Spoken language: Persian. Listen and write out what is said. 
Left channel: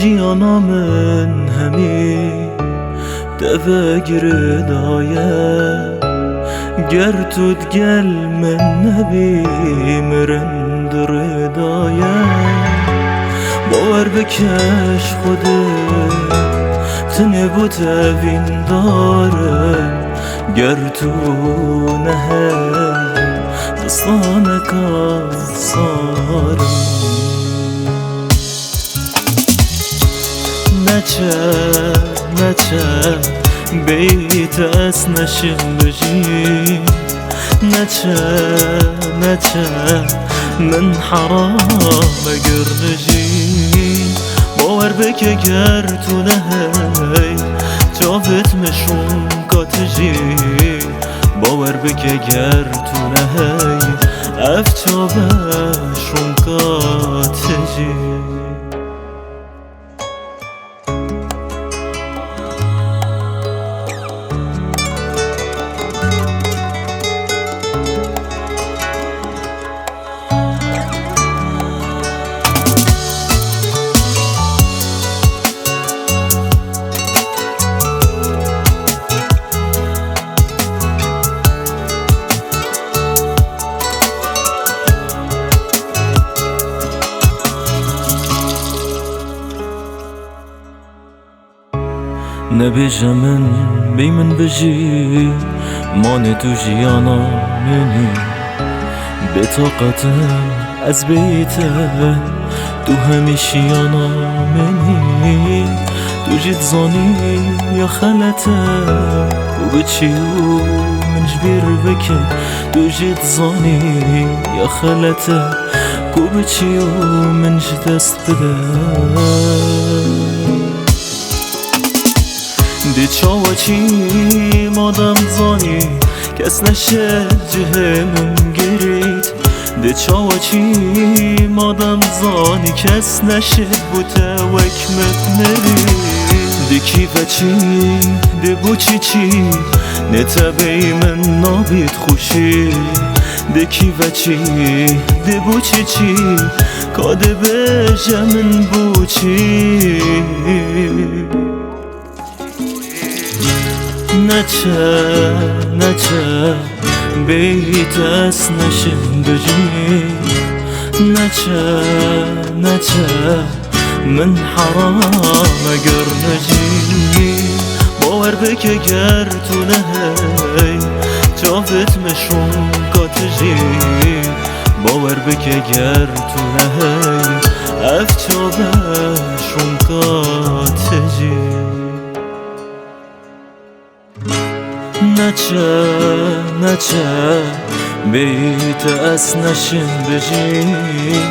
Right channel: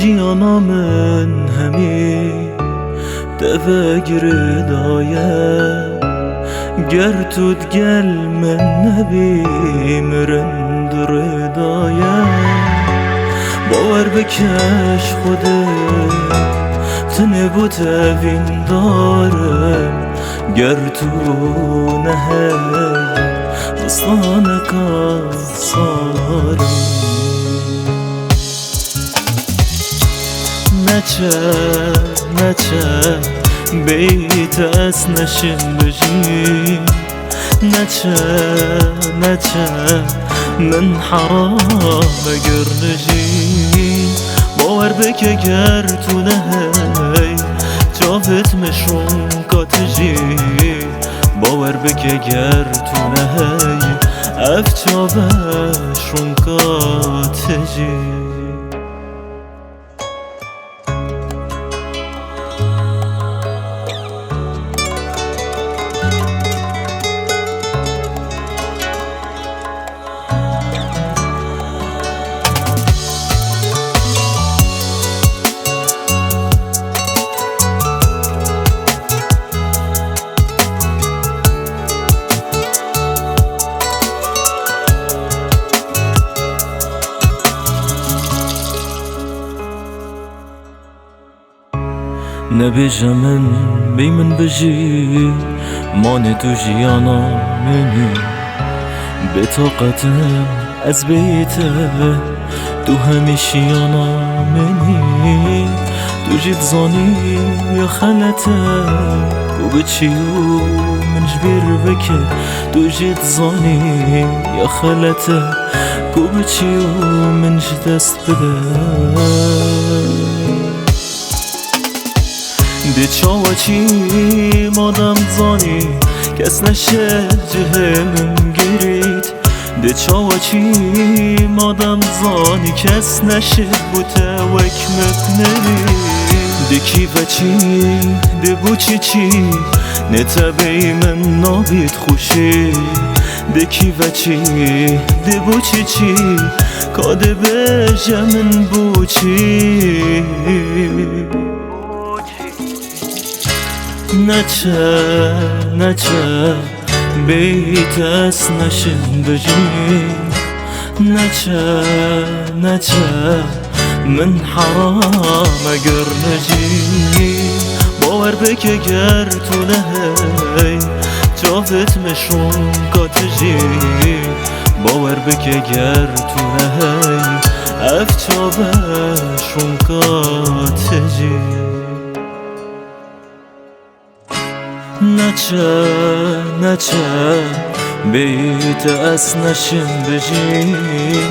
ژیانا من هەمی دەڤەگرێدایە گەر توت گەل من نەبی مرند ڕێدایە باوەڕ بکەش خودت تنێ بۆ تەڤیندارم گەر تو نەهەی دستانەکە سارم نەچە بەیتەس نەشم بژیم نەچە من حەرامە گەر نژیم باوەڕ بکە گەر تو نەهەی چاوت مشوم کاتژی باوەڕ بکە گەر تو نەهەی ئەف چاوەشوم کاتژی نەبێژە من بێ من بژی مانێ تو ژیانا منی بێتاقەتم ئەز بێتە تو هەمیشیانا منی تو جی دزانی یا خەلەتە کو بچی و منش بیر بکەی تو جی دزانی یا خەلەتە کو بچی و منش دەست بدە دی چاوچی مادم زانی کس نشد جهمم گرید دی چاوچی مادم زانی کس نشد بوته وکمت مرید دی کیفچی دی بوچی نتبی من نابید خوشی دی کیفچی دی بوچی کاده بجه من بوچی نەچە بێتەس نەشم بژیم نەچە من حەرامە گەر نەژی باوەڕ بکە گەر تو نەهەی چاوت مشوم کاتژی باوەڕ بکە گەر تو نەهەی ئەف چاوەشوم کاتژی نەچە بێتەس نەشم بژیم